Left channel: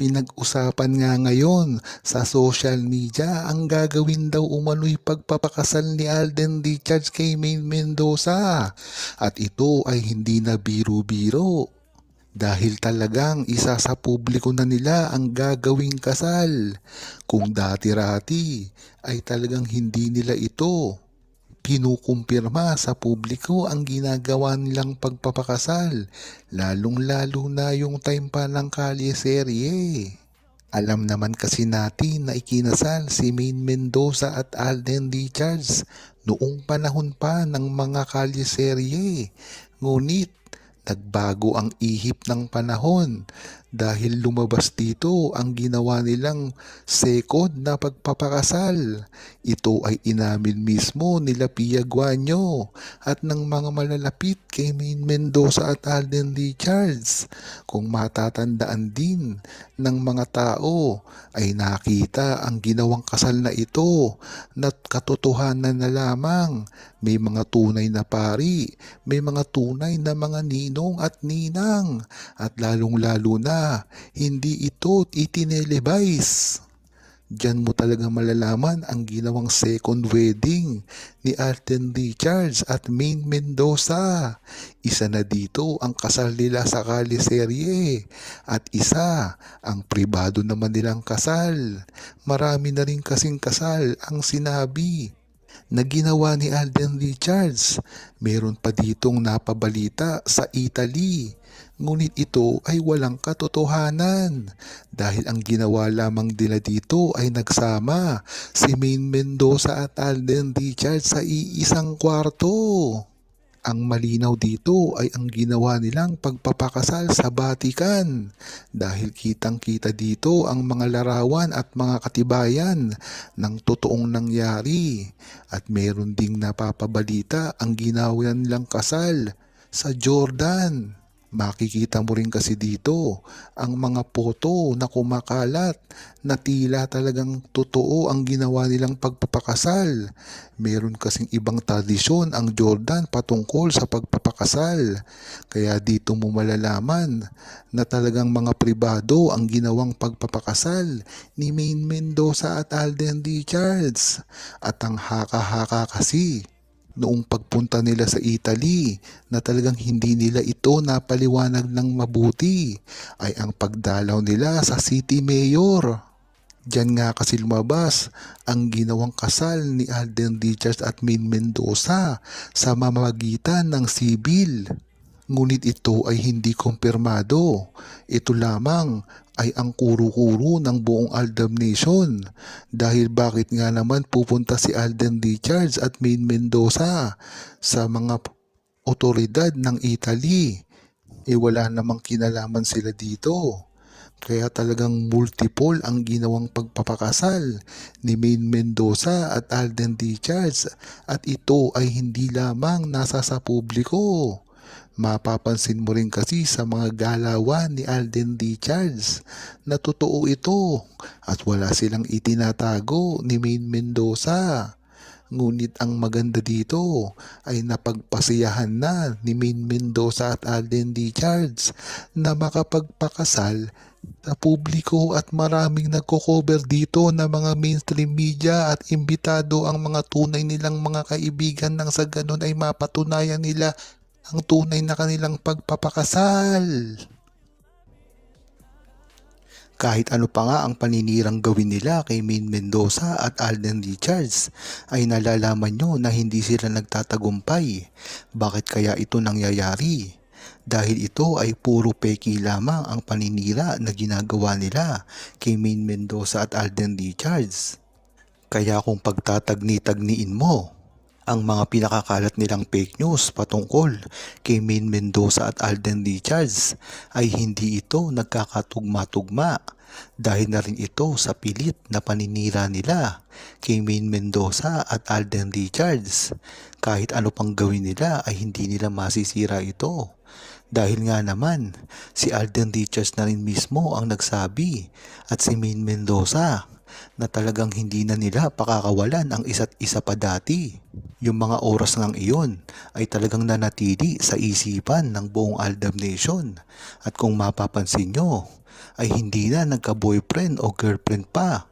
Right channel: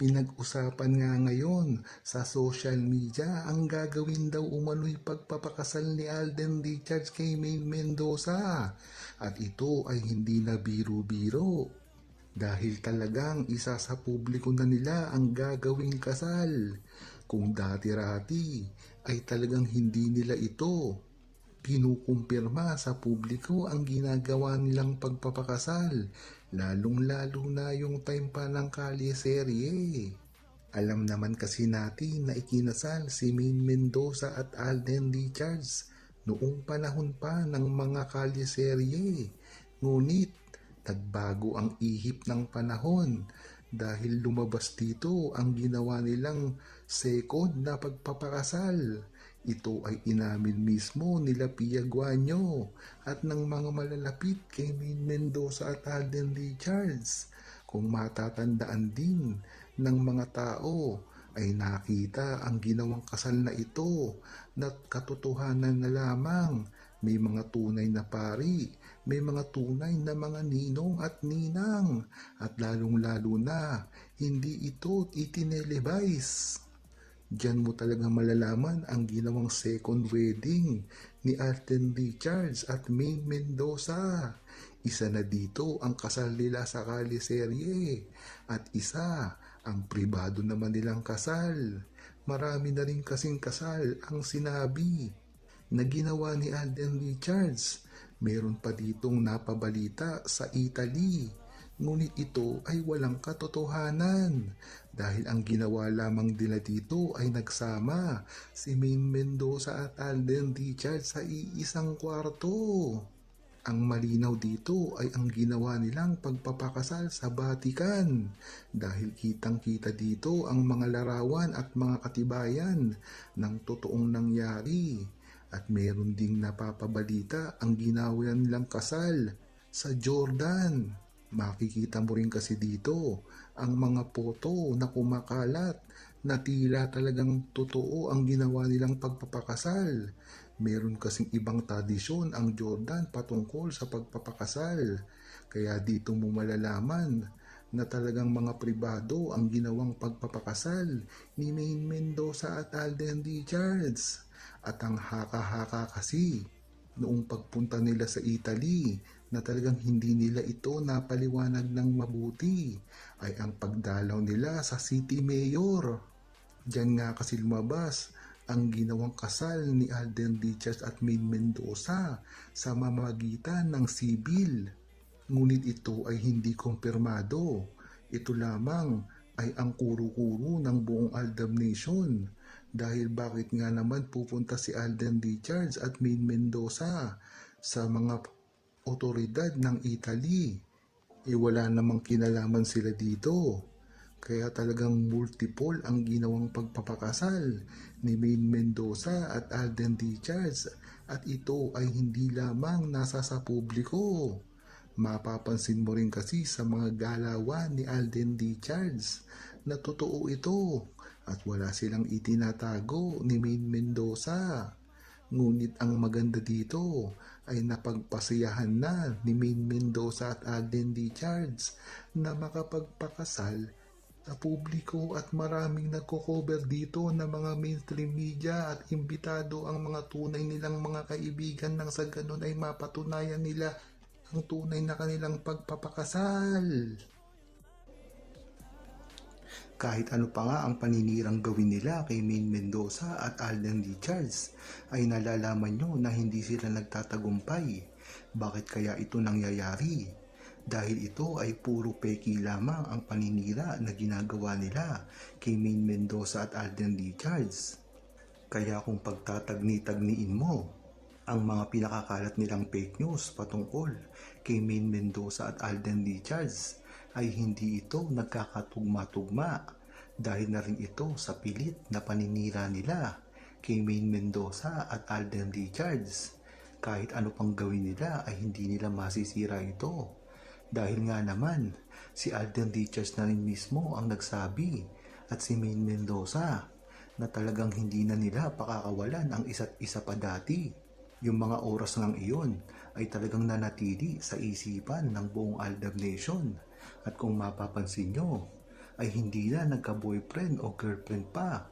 Pinag-usapan nga ngayon sa social media ang gagawin daw umano'y pagpapakasal ni Alden Richards kay Maine Mendoza. At ito ay hindi na biro-biro. Dahil talagang isa sa publiko na nila ang gagawing kasal. Kung dati-rati ay talagang hindi nila ito kinukumpirma sa publiko ang ginagawa nilang pagpapakasal, lalong-lalo na yung time pa ng kalyeserye. Alam naman kasi natin na ikinasal si Maine Mendoza at Alden Richards noong panahon pa ng mga kalyeserye. Ngunit nagbago ang ihip ng panahon dahil lumabas dito ang ginawa nilang second na pagpapakasal. Ito ay inamin mismo nila Pia Guanyo at ng mga malalapit kay Maine Mendoza at Alden Richards. Kung matatandaan din ng mga tao ay nakita ang ginawang kasal na ito na katotohanan na lamang. May mga tunay na pari, may mga tunay na mga ninong at ninang, at lalong-lalo na hindi ito itinelevise. Diyan mo talaga malalaman ang ginawang second wedding ni Alden Richards at Maine Mendoza. Isa na dito ang kasal nila sa kaliserye at isa ang pribado naman nilang kasal. Marami na rin kasing kasal ang sinabi na ginawa ni Alden Richards. Meron pa ditong napabalita sa Italy. Ngunit ito ay walang katotohanan dahil ang ginawa lamang nila dito ay nagsama si Maine Mendoza at Alden Richards sa iisang kwarto. Ang malinaw dito ay ang ginawa nilang pagpapakasal sa Vatican dahil kitang-kita dito ang mga larawan at mga katibayan ng totoong nangyari at meron ding napapabalita ang ginawa nilang kasal sa Jordan. Makikita mo rin kasi dito ang mga foto na kumakalat na tila talagang totoo ang ginawa nilang pagpapakasal. Meron kasing ibang tradisyon ang Jordan patungkol sa pagpapakasal. Kaya dito mo malalaman na talagang mga pribado ang ginawang pagpapakasal ni Maine Mendoza at Alden Richards. At ang haka-haka kasi noong pagpunta nila sa Italy na talagang hindi nila ito napaliwanag ng mabuti ay ang pagdalaw nila sa city mayor. Diyan nga kasi lumabas ang ginawang kasal ni Alden Richards at Maine Mendoza sa mamamagitan ng sibil. Ngunit ito ay hindi kumpirmado. Ito lamang ay ang kuro-kuro ng buong Aldab Nation. Dahil bakit nga naman pupunta si Alden Richards at Maine Mendoza sa mga otoridad ng Italy? Wala namang kinalaman sila dito. Kaya talagang multiple ang ginawang pagpapakasal ni Maine Mendoza at Alden Richards at ito ay hindi lamang nasa sa publiko. Mapapansin mo rin kasi sa mga galawan ni Alden Richards na totoo ito at wala silang itinatago ni Maine Mendoza. Ngunit ang maganda dito ay napagpasiyahan na ni Maine Mendoza at Alden Richards na makapagpakasal sa publiko at maraming nagko-cover dito na mga mainstream media at imbitado ang mga tunay nilang mga kaibigan nang sa ganun ay mapatunayan nila ang tunay na kanilang pagpapakasal. Kahit ano pa nga ang paninirang gawin nila kay Maine Mendoza at Alden Richards ay nalalaman nyo na hindi sila nagtatagumpay. Bakit kaya ito nangyayari? Dahil ito ay puro peki lamang ang paninira na ginagawa nila kay Maine Mendoza at Alden Richards. Kaya kung pagtatagni-tagniin mo ang mga pinakakalat nilang fake news patungkol kay Maine Mendoza at Alden Richards ay hindi ito nagkakatugma-tugma dahil na rin ito sa pilit na paninira nila kay Maine Mendoza at Alden Richards. Kahit ano pang gawin nila ay hindi nila masisira ito. Dahil nga naman, si Alden Richards na rin mismo ang nagsabi at si Maine Mendoza na talagang hindi na nila pakakawalan ang isa't isa pa dati. Yung mga oras ngang iyon ay talagang nanatili sa isipan ng buong Aldab Nation. At kung mapapansin nyo, ay hindi na nagka-boyfriend o girlfriend pa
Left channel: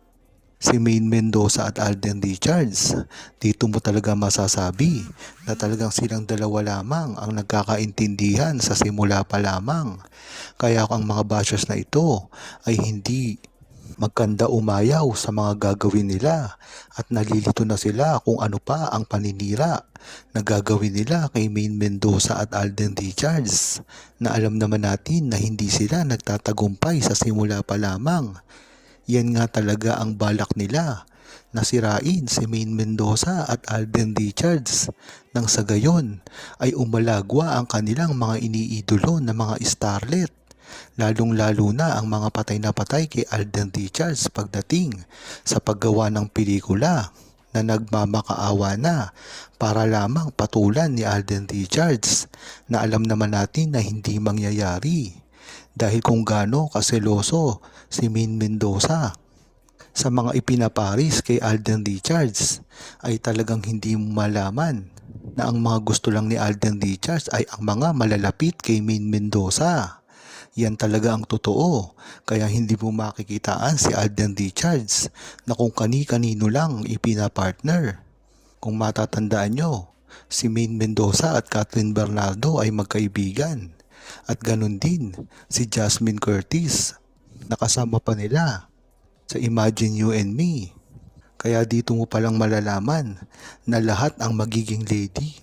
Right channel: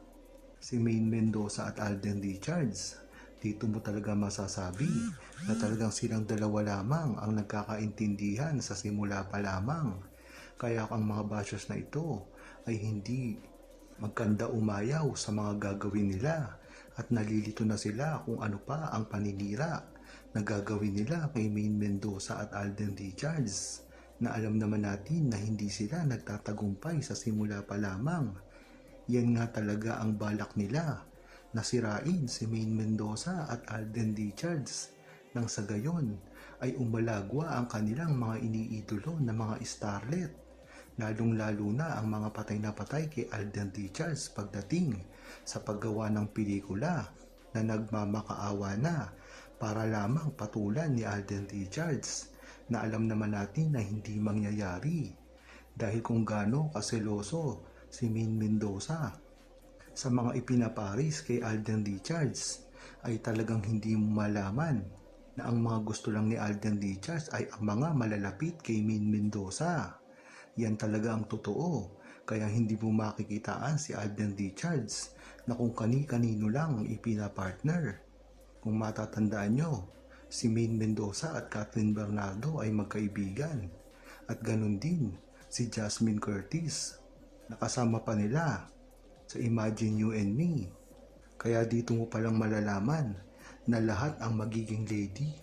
si Maine Mendoza at Alden Richards. Dito mo talaga masasabi na talagang silang dalawa lamang ang nagkakaintindihan sa simula pa lamang. Kaya ang mga bashers na ito ay hindi magkanda umayaw sa mga gagawin nila at nalilito na sila kung ano pa ang paninira na gagawin nila kay Maine Mendoza at Alden Richards, na alam naman natin na hindi sila nagtatagumpay sa simula pa lamang. Yan nga talaga ang balak nila, na sirain si Maine Mendoza at Alden Richards nang sa gayon ay umalagwa ang kanilang mga iniidolo na mga starlet. Lalong-lalo na ang mga patay na patay kay Alden Richards pagdating sa paggawa ng pelikula na nagmamakaawa na para lamang patulan ni Alden Richards, na alam naman natin na hindi mangyayari dahil kung gaano kaseloso si Maine Mendoza sa mga ipinaparis kay Alden Richards, ay talagang hindi mo malaman na ang mga gusto lang ni Alden Richards ay ang mga malalapit kay Maine Mendoza. Yan talaga ang totoo, kaya hindi mo makikitaan si Alden Richards na kung kani-kanino lang ipinapartner. Kung matatandaan nyo, si Maine Mendoza at Catherine Bernardo ay magkaibigan. At ganun din si Jasmine Curtis, nakasama pa nila sa Imagine You and Me. Kaya dito mo palang malalaman na lahat ang magiging lady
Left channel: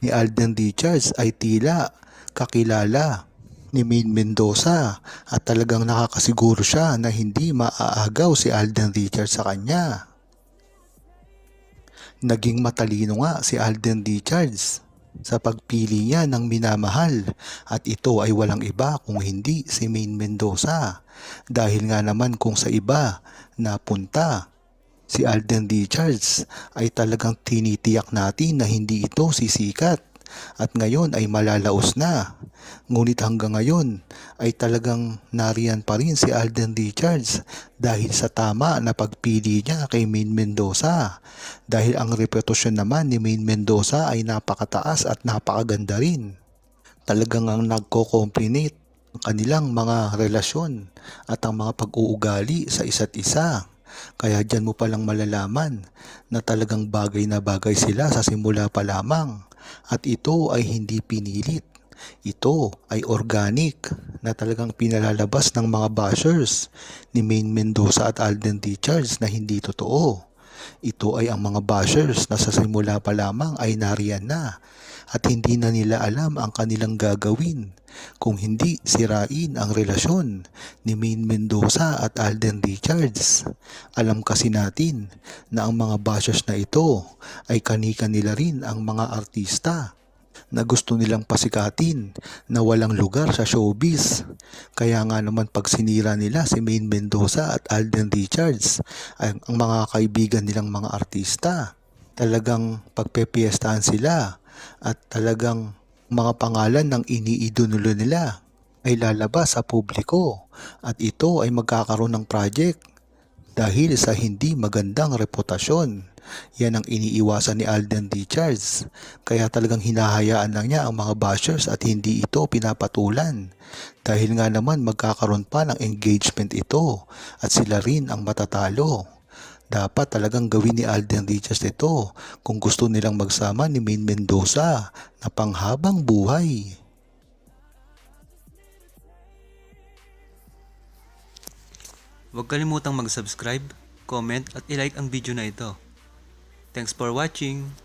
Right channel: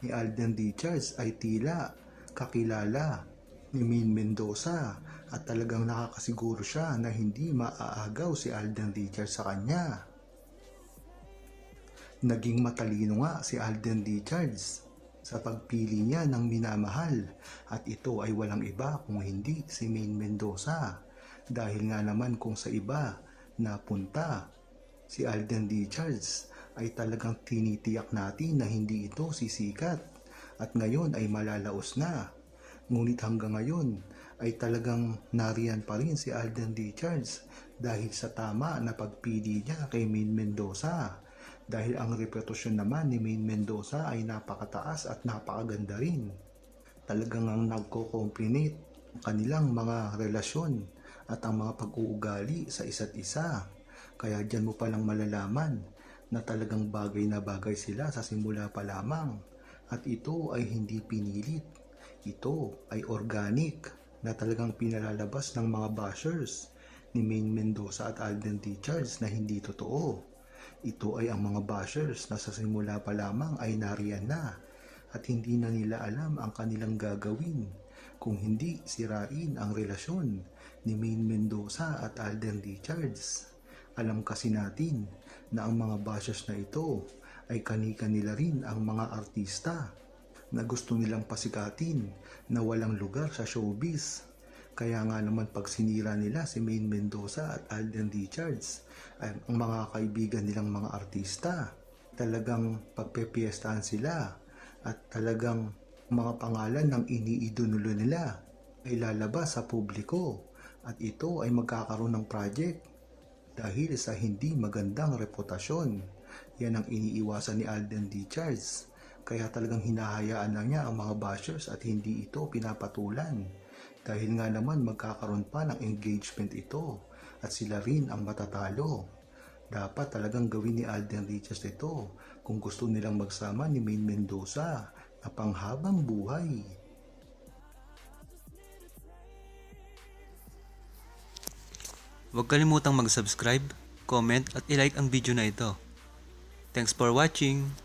ni Alden Richards ay tila kakilala ni Maine Mendoza, at talagang nakakasiguro siya na hindi maaagaw si Alden Richards sa kanya. Naging matalino nga si Alden Richards sa pagpili niya ng minamahal, at ito ay walang iba kung hindi si Maine Mendoza. Dahil nga naman kung sa iba napunta si Alden Richards ay talagang tinitiyak natin na hindi ito sisikat at ngayon ay malalaos na. Ngunit hanggang ngayon ay talagang nariyan pa rin si Alden Richards dahil sa tama na pagpili niya kay Maine Mendoza. Dahil ang reputasyon naman ni Maine Mendoza ay napakataas at napakaganda rin. Talagang ang nagko-complement ang kanilang mga relasyon at ang mga pag-uugali sa isa't isa. Kaya dyan mo palang malalaman na talagang bagay na bagay sila sa simula pa lamang, at ito ay hindi pinilit. Ito ay organic na talagang pinalalabas ng mga bashers ni Maine Mendoza at Alden Richards na hindi totoo. Ito ay ang mga bashers na sa simula pa lamang ay nariyan na at hindi na nila alam ang kanilang gagawin kung hindi sirain ang relasyon ni Maine Mendoza at Alden Richards. Alam kasi natin na ang mga bashers na ito ay kani-kanila rin ang mga artista na gusto nilang pasikatin na walang lugar sa showbiz. Kaya nga naman pag sinira nila si Maine Mendoza at Alden Richards, ang mga kaibigan nilang mga artista, talagang pagpepiestahan sila at talagang mga pangalan ng iniidolo nila ay lalabas sa publiko, at ito ay magkakaroon ng project dahil sa hindi magandang reputasyon. Yan ang iniiwasan ni Alden Richards, kaya talagang hinahayaan lang niya ang mga bashers at hindi ito pinapatulan. Dahil nga naman magkakaroon pa ng engagement ito at sila rin ang matatalo. Dapat talagang gawin ni Alden Richards ito kung gusto nilang magsama ni Maine Mendoza na panghabang buhay. Huwag kalimutang mag-subscribe, comment at i-like ang video na ito. Thanks for watching!